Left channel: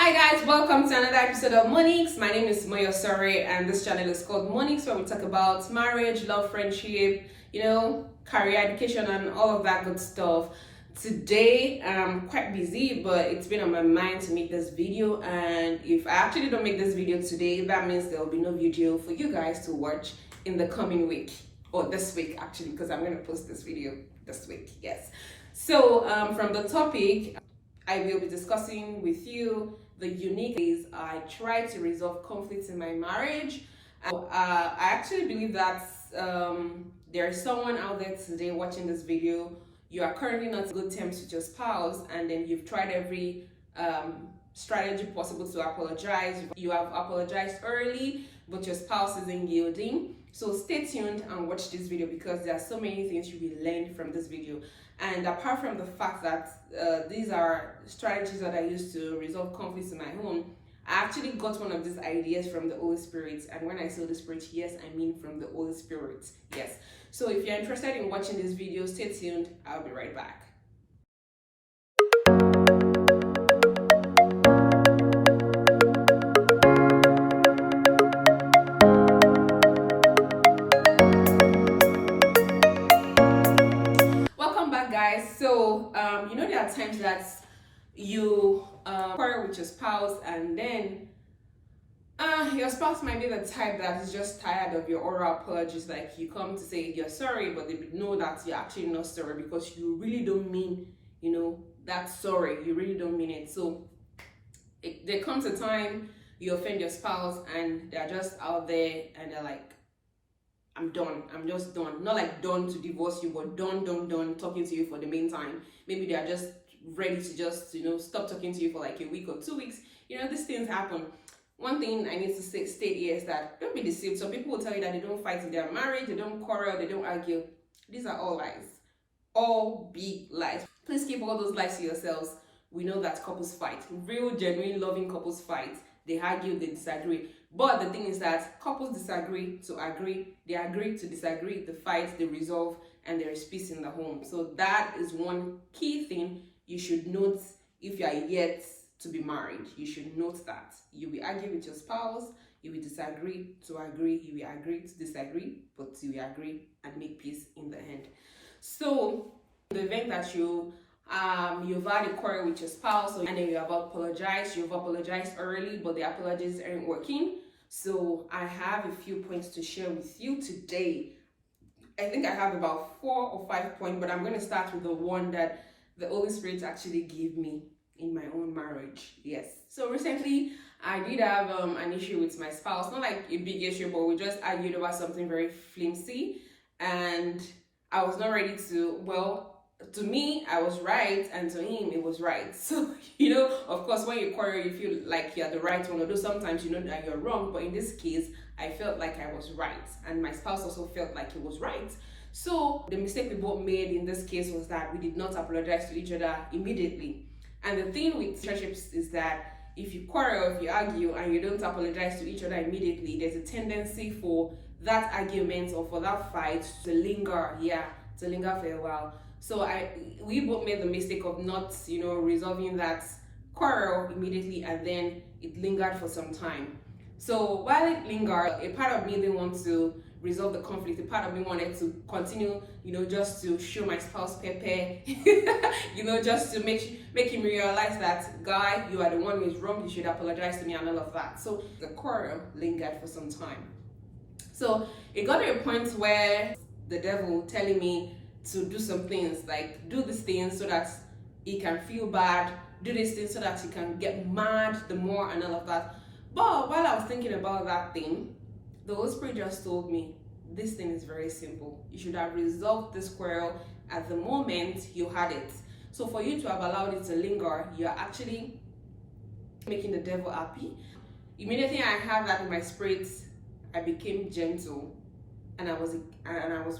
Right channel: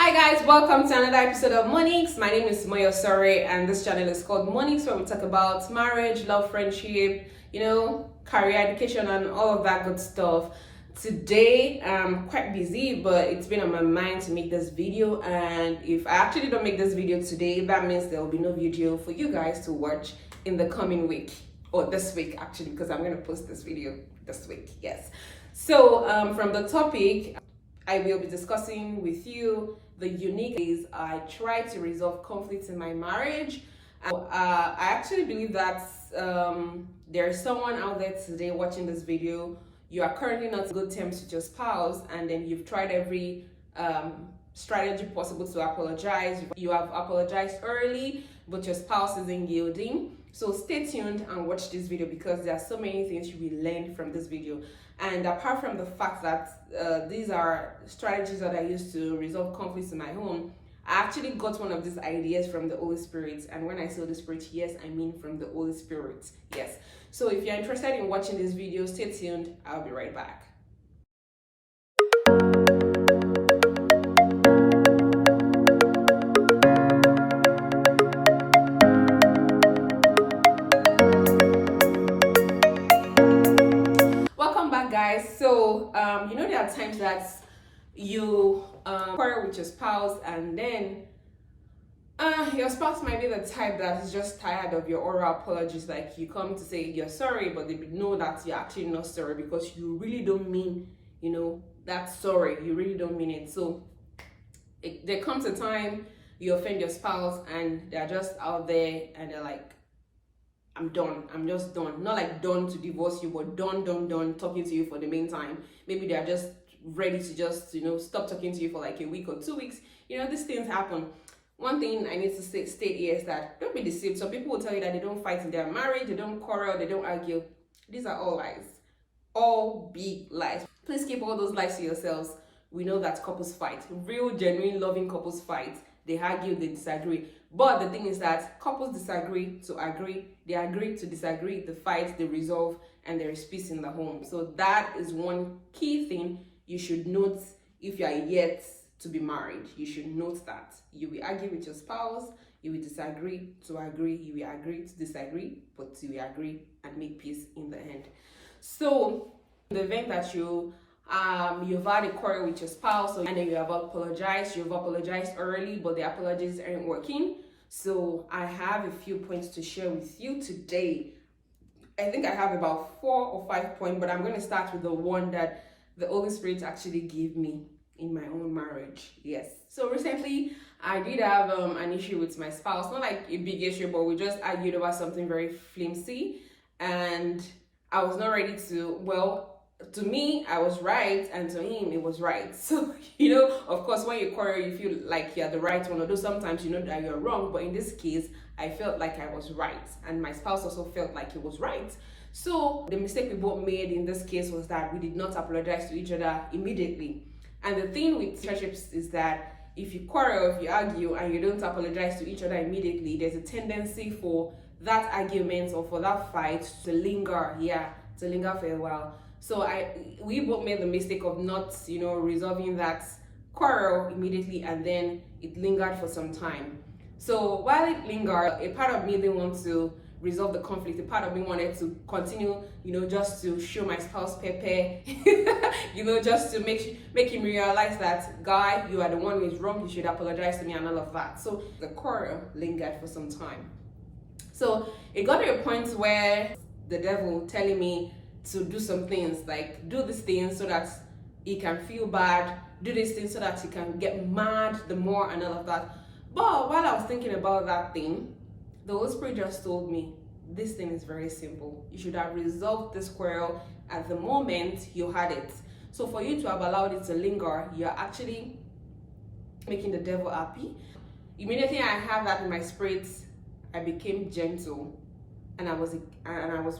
Hi guys, welcome to another episode of Monique's. My name is Moyo Sori and this channel is called Monique's, where we talk about marriage, love, friendship, career, education and all of that good stuff. Today I'm quite busy, but it's been on my mind to make this video, and if I actually don't make this video today, that means there will be no video for you guys to watch in the coming week, or this week actually, because I'm going to post this video this week. Yes. So from the topic, I will be discussing with you the unique ways I try to resolve conflicts in my marriage. I actually believe that there's someone out there today watching this video. You are currently not in good terms with your spouse, and then you've tried every strategy possible to apologize. You have apologized early, but your spouse isn't yielding. So stay tuned and watch this video, because there are so many things you will learn from this video. And apart from the fact that these are strategies that I use to resolve conflicts in my home, I actually got one of these ideas from the Holy Spirit. And when I say Holy Spirit, yes, I mean from the Holy Spirit. Yes. So if you're interested in watching this video, stay tuned. I'll be right back. Guys, so there are times that you quarrel with your spouse, and then your spouse might be the type that is just tired of your oral apologies. Like, you come to say you're sorry, but they know that you're actually not sorry, because you really don't mean that sorry. You really don't mean it. So there comes a time you offend your spouse and they're just out there and they're like, I'm done. I'm just done. Not like done to divorce you, but done talking to you for the meantime. Maybe they're just ready to just, stop talking to you for like a week or 2 weeks. These things happen. One thing I need to state here is that don't be deceived. Some people will tell you that they don't fight in their marriage, they don't quarrel, they don't argue. These are all lies. All big lies. Please keep all those lies to yourselves. We know that couples fight. Real, genuine, loving couples fight. They argue, they disagree. But the thing is that couples disagree to agree, they agree to disagree, they fight, they resolve, and there is peace in the home. So that is one key thing you should note if you are yet to be married. You should note that. You will argue with your spouse, you will disagree to agree, you will agree to disagree, but you will agree and make peace in the end. So in the event that you've had a quarrel with your spouse, and then you've apologized early, but the apologies aren't working. So I have a few points to share with you today. I think I have about 4 or 5 points, but I'm going to start with the one that the Holy Spirit actually gave me in my own marriage. Yes. So recently I did have an issue with my spouse, not like a big issue, but we just argued over something very flimsy, and I was not ready to me, I was right, and to him, it was right. So, of course, when you quarrel, you feel like you're the right one, although sometimes you know that you're wrong. But in this case, I felt like I was right, and my spouse also felt like he was right. So the mistake we both made in this case was that we did not apologize to each other immediately. And the thing with relationships is that if you quarrel, if you argue, and you don't apologize to each other immediately, there's a tendency for that argument or for that fight to linger. To linger for a while. So we both made the mistake of not, resolving that quarrel immediately, and then it lingered for some time. So while it lingered, a part of me didn't want to resolve the conflict. A part of me wanted to continue, just to show my spouse Pepe, just to make him realize that, guy, you are the one who is wrong. You should apologize to me and all of that. So the quarrel lingered for some time. So it got to a point where the devil telling me to do some things, like do this thing so that he can feel bad, do this thing so that he can get mad the more and all of that. But while I was thinking about that thing, the Holy Spirit just told me, this thing is very simple. You should have resolved this quarrel at the moment you had it. So for you to have allowed it to linger, you're actually making the devil happy. Immediately I had that in my spirit, I became gentle. And I was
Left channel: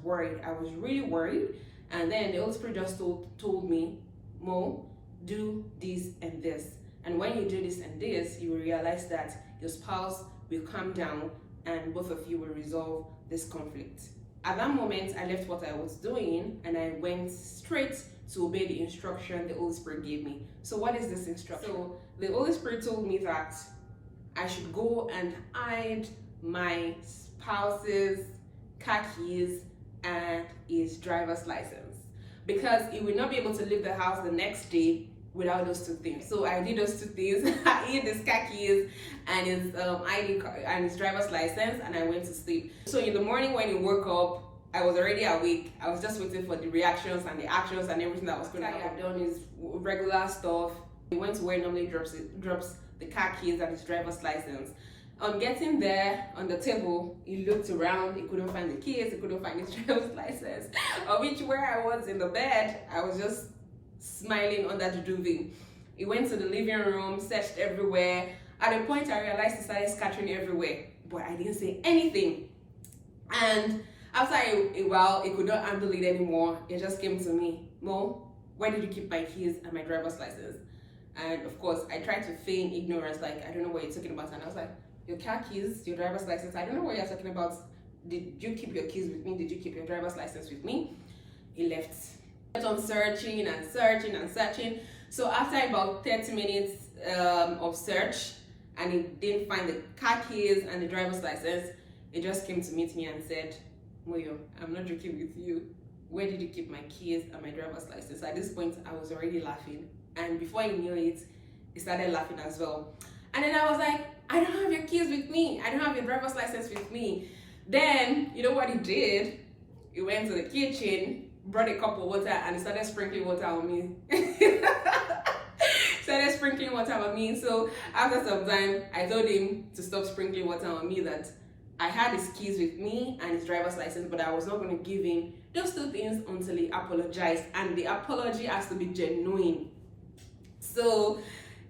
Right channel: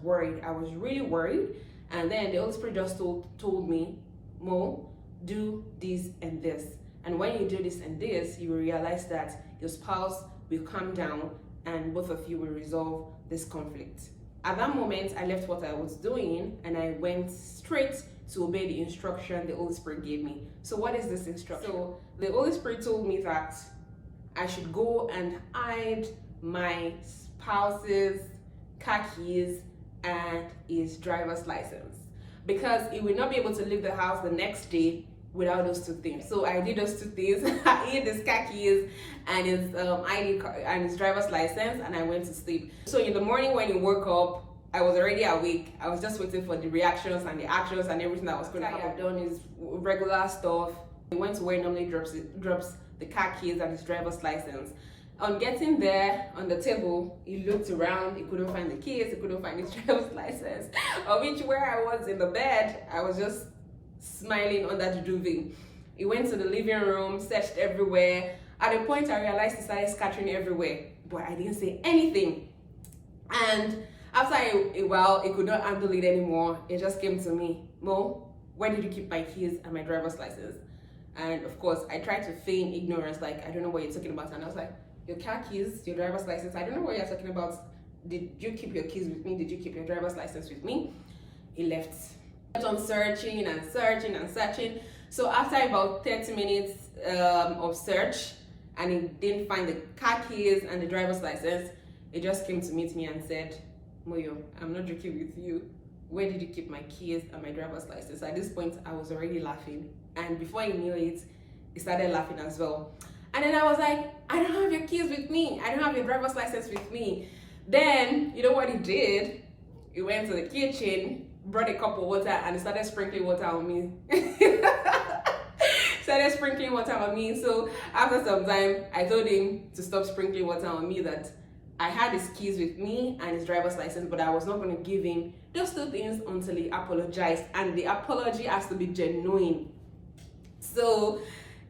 worried. I was really worried. And then the Holy Spirit just told me, Mo, do this and this. And when you do this and this, you will realize that your spouse will calm down and both of you will resolve this conflict. At that moment, I left what I was doing and I went straight to obey the instruction the Holy Spirit gave me. So what is this instruction? So The Holy Spirit told me that I should go and hide my spouse's car keys and his driver's license, because he will not be able to leave the house the next day without those two things. So I did those two things. I hid his car keys and his ID card and his driver's license, and I went to sleep. So in the morning when he woke up, I was already awake. I was just waiting for the reactions and the actions and everything that was going to happen. He had done his regular stuff. He went to where he normally drops the car keys and his driver's license. On getting there, on the table, he looked around. He couldn't find the keys. He couldn't find his driver's license. On which, where I was in the bed, I was just smiling under the duvet. He went to the living room, searched everywhere. At a point, I realized he started scattering everywhere, but I didn't say anything. And after a while, he could not handle it anymore. It just came to me, Mo, where did you keep my keys and my driver's license? And of course, I tried to feign ignorance, like, I don't know what you're talking about. And I was like, your car keys, your driver's license, I don't know what you're talking about. Did you keep your keys with me? Did you keep your driver's license with me? He left. Went on searching and searching and searching. So after about 30 minutes of search, and he didn't find the car keys and the driver's license, he just came to meet me and said, Moyo, I'm not joking with you. Where did you keep my keys and my driver's license? At this point, I was already laughing. And before he knew it, he started laughing as well. And then I was like, I don't have your keys with me. I don't have your driver's license with me. Then, you know what he did? He went to the kitchen, brought a cup of water, and he started sprinkling water on me. Started sprinkling water on me. So after some time, I told him to stop sprinkling water on me, that I had his keys with me and his driver's license, but I was not going to give him those two things until he apologized. And the apology has to be genuine. So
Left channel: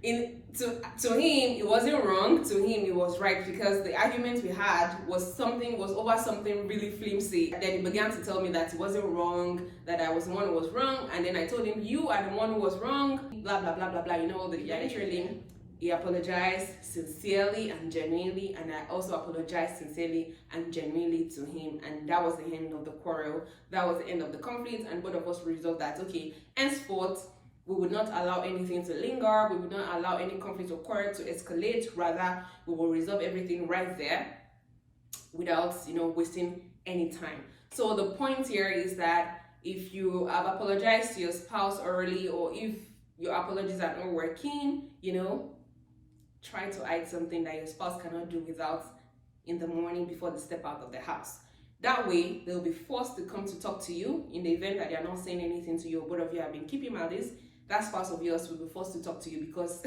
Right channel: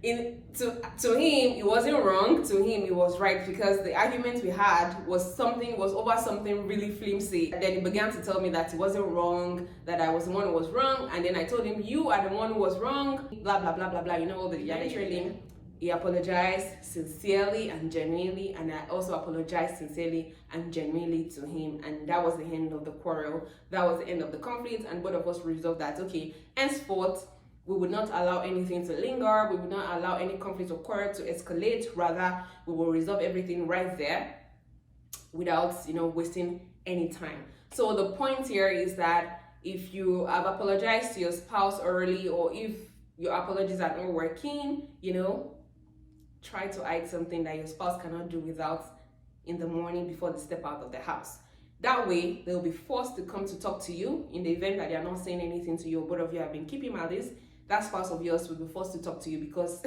to him, it wasn't wrong. To him, it was right, because the argument we had was over something really flimsy. And then he began to tell me that it wasn't wrong, that I was the one who was wrong. And then I told him, you are the one who was wrong, blah, blah, blah, blah, blah. You know, all the trading. He apologized sincerely and genuinely, and I also apologized sincerely and genuinely to him. And that was the end of the quarrel. That was the end of the conflict, and both of us resolved that, okay, henceforth, we would not allow anything to linger. We would not allow any conflict or quarrel to escalate. Rather, we will resolve everything right there without, wasting any time. So the point here is that if you have apologized to your spouse early, or if your apologies are not working, try to hide something that your spouse cannot do without in the morning before they step out of the house. That way, they'll be forced to come to talk to you in the event that they are not saying anything to you. Both of you have been keeping malice. That spouse of yours will be forced to talk to you, because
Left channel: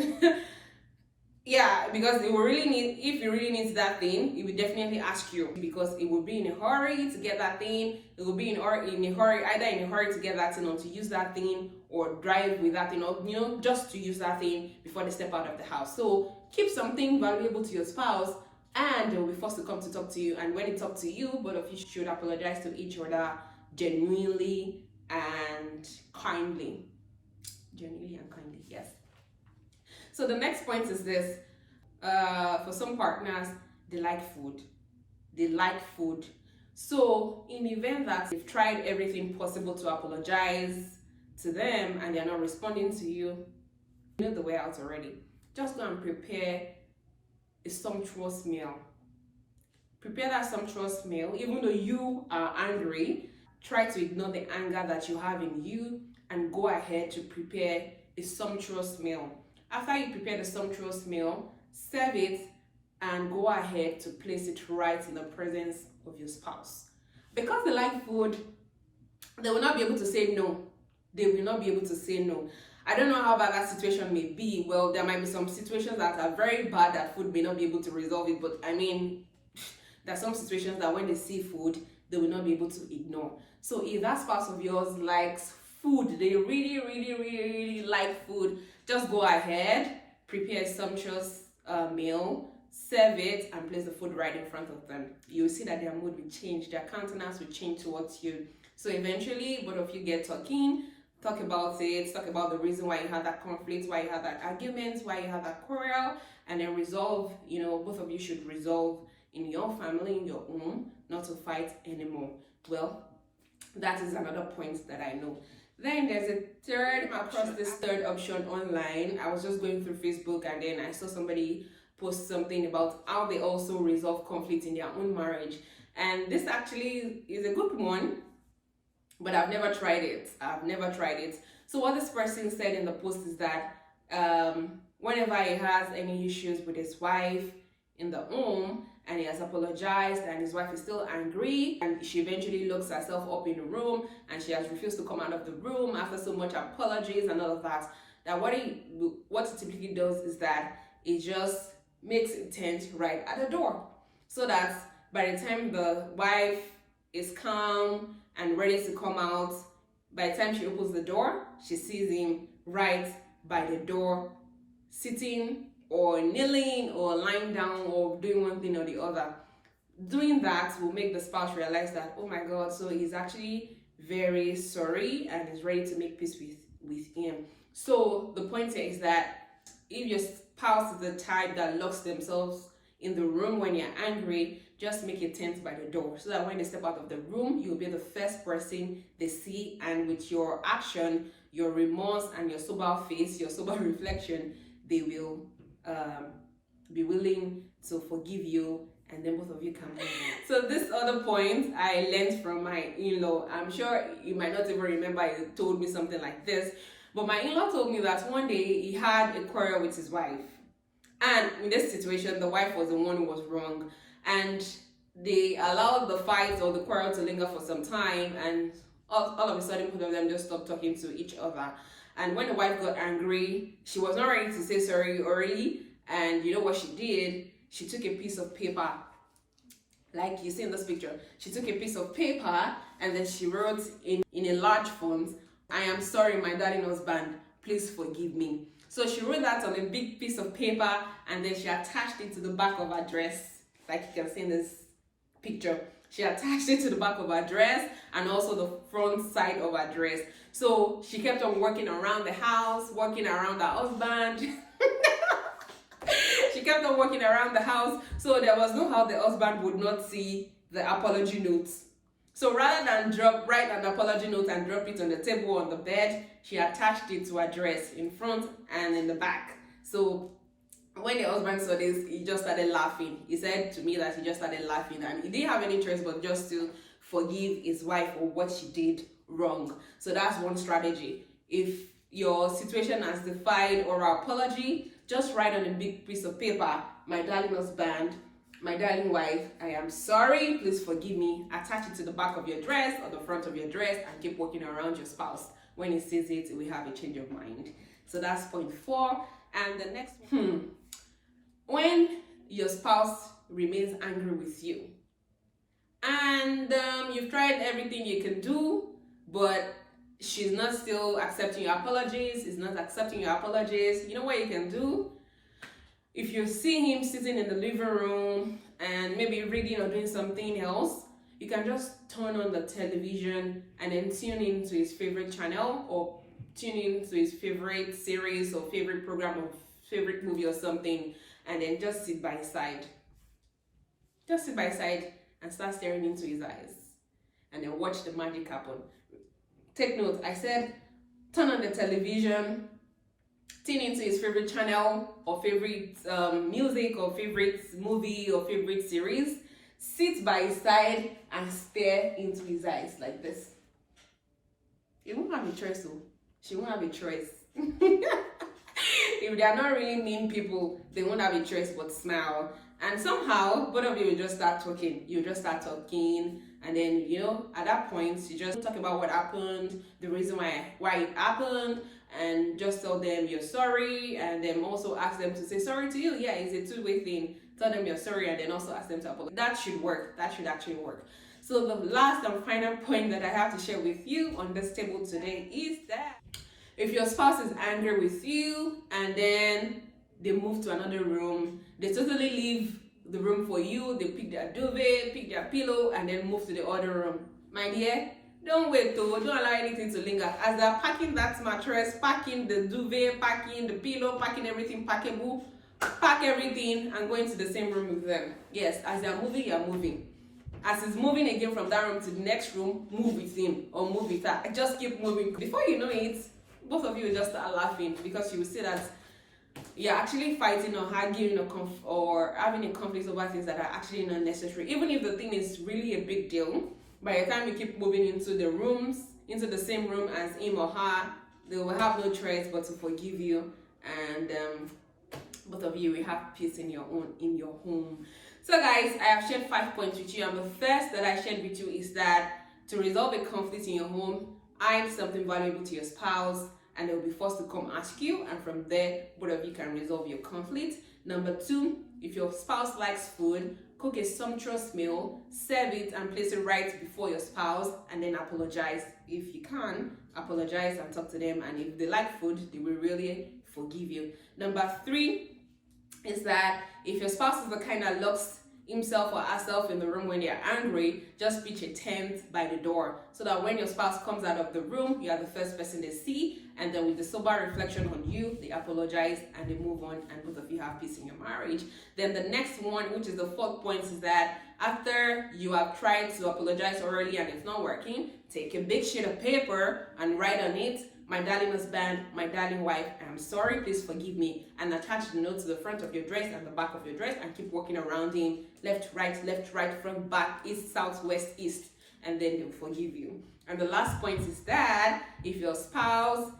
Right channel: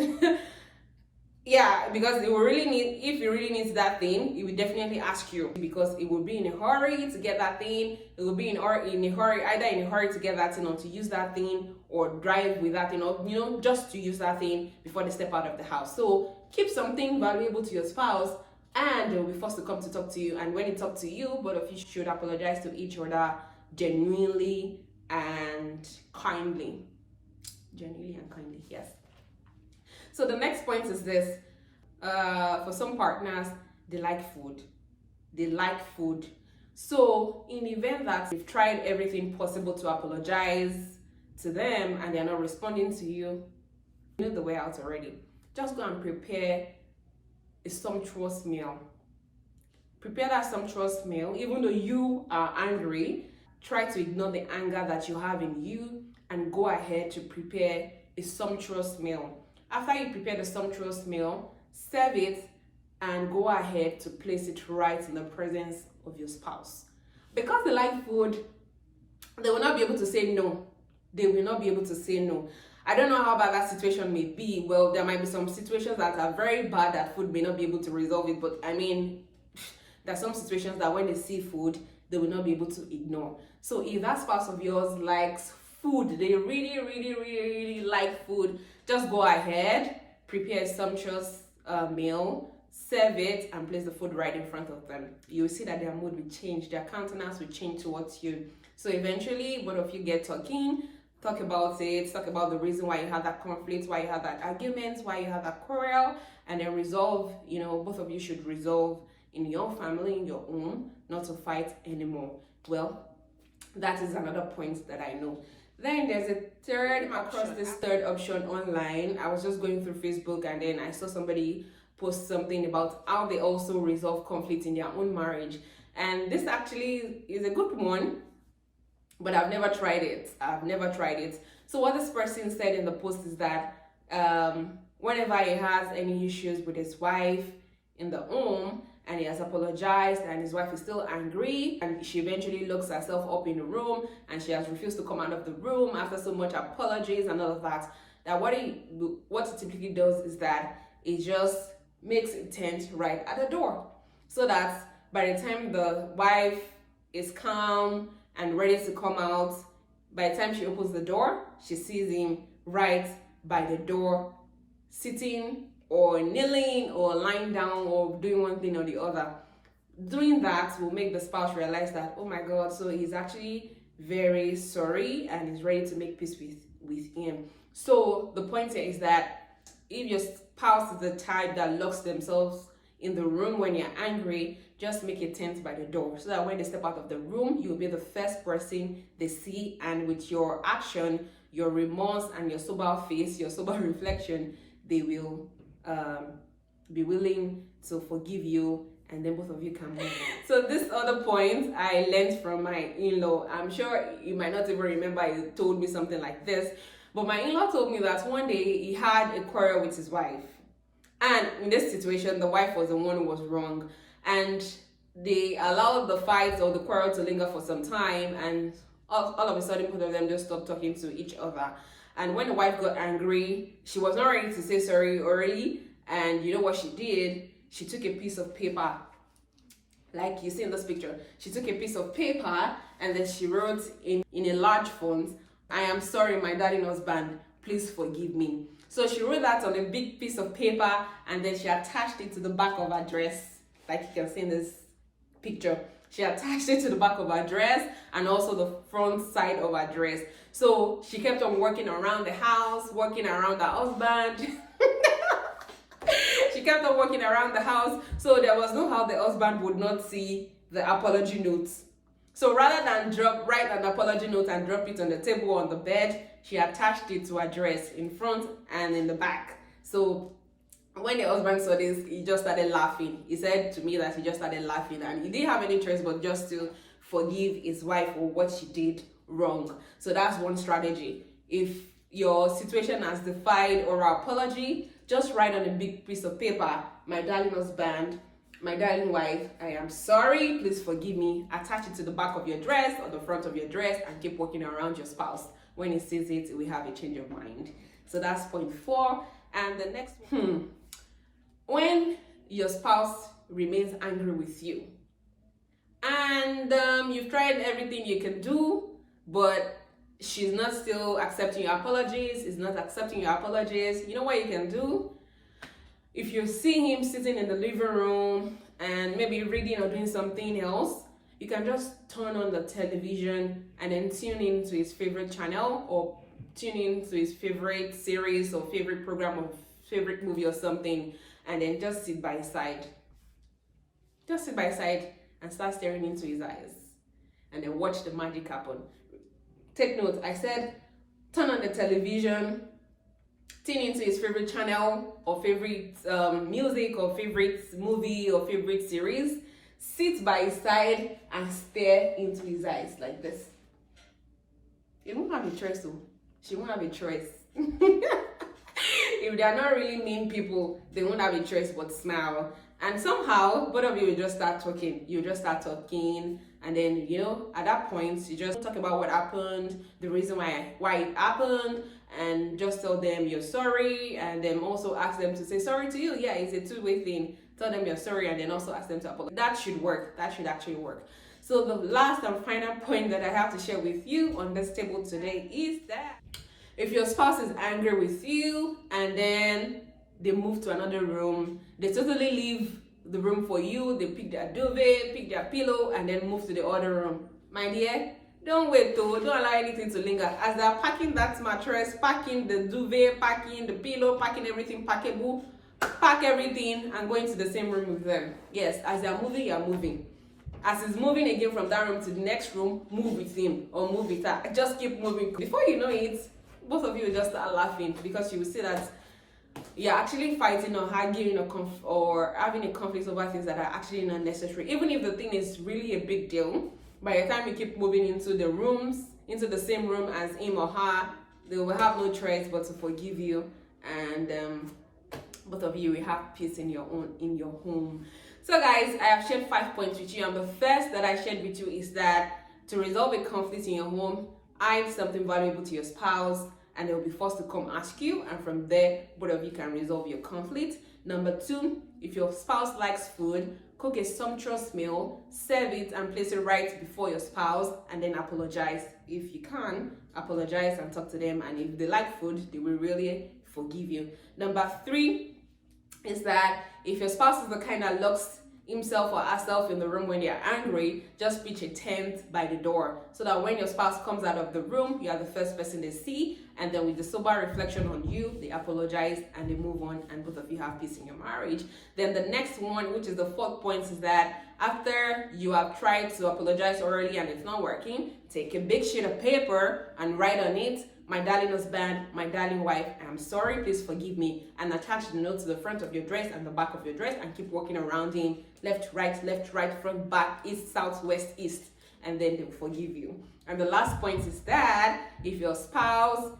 because it will really need, if he really needs that thing, he will definitely ask you, because it will be in a hurry to get that thing. It will be in a hurry, either in a hurry to get that thing or to use that thing, or drive with that thing, or just to use that thing before they step out of the house. So keep something valuable to your spouse, and they will be forced to come to talk to you. And when they talk to you, both of you should apologize to each other genuinely and kindly. Genuinely and kindly, yes. So the next point is this. For some partners, they like food. They like food. So in the event that you've tried everything possible to apologize to them and they're not responding to you, you know the way out already. Just go and prepare a sumptuous meal. Prepare that sumptuous meal. Even though you are angry, try to ignore the anger that you have in you and go ahead to prepare a sumptuous meal. After you prepare the sumptuous meal, serve it and go ahead to place it right in the presence of your spouse. Because they like food, they will not be able to say no. They will not be able to say no. I don't know how bad that situation may be. Well, there might be some situations that are very bad that food may not be able to resolve it. But I mean, there are some situations that when they see food, they will not be able to ignore. So if that spouse of yours likes food, they really, really, really, really like food, just go ahead, prepare a sumptuous meal, serve it, and place the food right in front of them. You'll see that their mood will change, their countenance will change towards you. So eventually, both of you get talking, talk about it, talk about the reason why you had that conflict, why you had that argument, why you had that quarrel, and then resolve. Both of you should resolve in your family, in your home, not to fight anymore. Well, that is another point that I know. Then there's a third across this third option online. I was just going through Facebook and then I saw somebody post something about how they also resolve conflict in their own marriage. And this actually is a good one, but I've never tried it. So what this person said in the post is that whenever he has any issues with his wife in the home and he has apologized and his wife is still angry and she eventually locks herself up in the room and she has refused to come out of the room after so much apologies and all of that, that what it typically does is that it just makes a tent right at the door, so that by the time the wife is calm and ready to come out, by the time she opens the door, she sees him right by the door, sitting or kneeling or lying down or doing one thing or the other. Doing that will make the spouse realize that, oh my God, so he's actually very sorry and is ready to make peace with him. So the point here is that if your spouse is the type that locks themselves in the room when you're angry, just make a tent by the door, so that when they step out of the room, you'll be the first person they see, and with your action, your remorse, and your sober face, your sober reflection, they will be willing to forgive you, and then both of you can move on. So this other point I learned from my in-law. I'm sure you might not even remember he told me something like this, but my in-law told me that one day he had a quarrel with his wife. And in this situation, the wife was the one who was wrong. And they allowed the fight or the quarrel to linger for some time. And all of a sudden, both of them just stopped talking to each other. And when the wife got angry, she was not ready to say sorry early. And you know what she did? She took a piece of paper, like you see in this picture. She took a piece of paper and then she wrote in a large font, "I am sorry, my darling husband, please forgive me." So she wrote that on a big piece of paper and then she attached it to the back of her dress, like you can see in this picture. She attached it to the back of her dress and also the front side of her dress. So she kept on working around the house, working around her husband. She kept on working around the house, so there was no how the husband would not see the apology notes. So rather than write an apology note and drop it on the table or on the bed, she attached it to her dress in front and in the back. So when the husband saw this, he just started laughing. He said to me that he just started laughing and he didn't have any choice but just to forgive his wife for what she did wrong. So that's one strategy. If your situation has defied oral apology, just write on a big piece of paper, "My darling husband, my darling wife, I am sorry, please forgive me." Attach it to the back of your dress or the front of your dress and keep walking around your spouse. When he sees it, we have a change of mind. So that's point 4. And the next one, when your spouse remains angry with you and you've tried everything you can do, but she's not still accepting your apologies, is not accepting your apologies, you know what you can do? If you see him sitting in the living room and maybe reading or doing something else, you can just turn on the television and then tune into his favorite channel or tune into his favorite series or favorite program or favorite movie or something, and then just sit by his side. Just sit by his side and start staring into his eyes and then watch the magic happen. Take note, I said turn on the television, tune into his favorite channel or favorite music or favorite movie or favorite series, sit by his side and stare into his eyes like this. You won't have a choice, so she won't have a choice. If they are not really mean people, they won't have a choice but smile. And somehow, both of you will just start talking. You just start talking, and then, you know, at that point, you just talk about what happened, the reason why it happened, and just tell them you're sorry, and then also ask them to say sorry to you. Yeah, it's a two-way thing. Tell them you're sorry, and then also ask them to apologize. That should work. That should actually work. So the last and final point that I have to share with you on this table today is that if your spouse is angry with you and then they move to another room, they totally leave the room for you, they pick their duvet, pick their pillow, and then move to the other room. My dear, don't wait though, don't allow anything to linger. As they're packing that mattress, packing the duvet, packing the pillow, packing everything packable, pack everything and go into the same room with them. Yes, as they're moving, you're moving. As he's moving again from that room to the next room, move with him or move with her. Just keep moving. Before you know it, both of you will just start laughing because you will see that you're actually fighting or arguing or having a conflict over things that are actually not necessary. Even if the thing is really a big deal, by the time you keep moving into the same room as him or her, they will have no choice but to forgive you, and both of you will have peace in your home. So guys, I have shared 5 points with you, and the first that I shared with you is that to resolve a conflict in your home, hide something valuable to your spouse, and they'll be forced to come ask you, and from there both of you can resolve your conflict. Number 2, if your spouse likes food, cook a sumptuous meal, serve it and place it right before your spouse, and then apologize. If you can, apologize and talk to them, and if they like food, they will really forgive you. Number 3 is that if your spouse is the kind that locks himself or herself in the room when they're angry, just pitch a tent by the door so that when your spouse comes out of the room, you are the first person they see, and then with the sober reflection on you, they apologize and they move on, and both of you have peace in your marriage. Then the next one, which is the 4th point, is that after you have tried to apologize already and it's not working, take a big sheet of paper and write on it, "My darling husband, my darling wife, I'm sorry, please forgive me," and attach the note to the front of your dress and the back of your dress, and keep walking around in left, right, front, back, east, south, west, east, and then they'll forgive you. And the last point is that if your spouse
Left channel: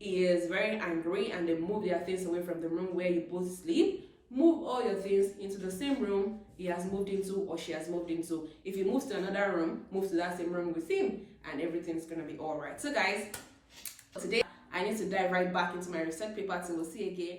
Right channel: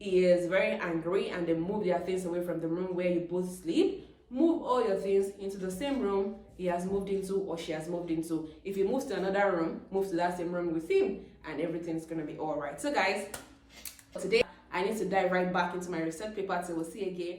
is very angry and they move their things away from the room where you both sleep, move all your things into the same room he has moved into or she has moved into. If he moves to another room, move to that same room with him, and everything's gonna be all right. So guys, today I need to dive right back into my research paper, so we'll see you again.